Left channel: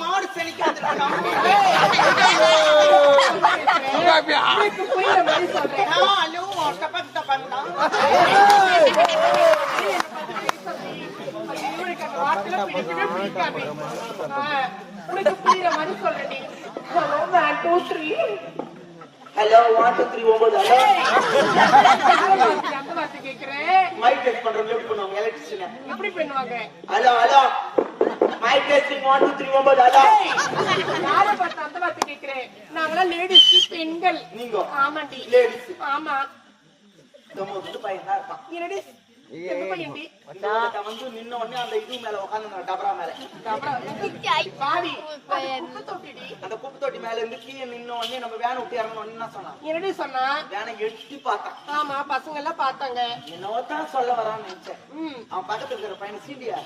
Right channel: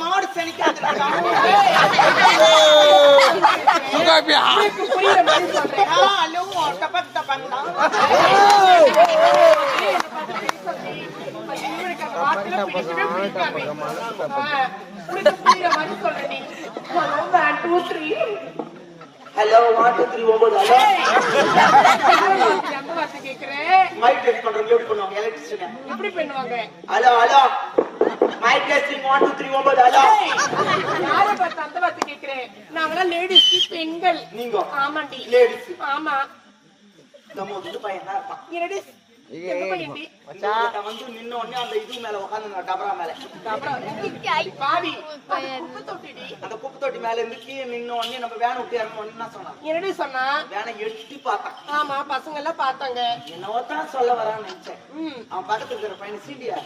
மாடு சனிக்காது புரியுற மாதிரி சொல்றேன். வார்த்தை பிடிக்கவே பிடிக்காமே. உனக்கு புரியுற மாதிரி சொல்றேன். ஹலோ 1 2 3. ஹலோ 1 2 3 9 அந்த வார்த்தை கேக்குறேன். மைக் டெஸ்ட் பண்றவங்க எப்படி பண்ணுவாங்க எலக்ட்ரிஷியன் எப்படி பண்ணுவாங்க? Hello hello mic testing 1 2 3 9 hello யார பார்த்து அந்த வார்த்தை கேக்குறேன்? நாங்களாம் லேடிஸ் பெண்கள். நீங்க ஆமாண்டி லேடிஸ் ஆமா. நம்ம பையனா இருப்பான் என்னடி எந்த பையன்டி? வந்து நின்ன உடனே அந்த இது மேல உட்கார்ந்து டபரா மேல அப்புறம் பாவி அது குப்பை தொட்டிடி. அந்த குப்பை தொட்டி மேல இருந்து கீழே நின்ன உடனே நம்ம வேன் விட்டு இறங்கணும் என்ன சொன்னான்? என்னடி சொன்னா? வேனை எட்டி பார்த்தான். ஆமா பசங்க எல்லாம் பார்த்தாங்க. என்னவோ தான் சொல்ல வரான்னு நினைச்சேன். அவன் பக்கத்துல இருக்கிற பையனை சீண்டியா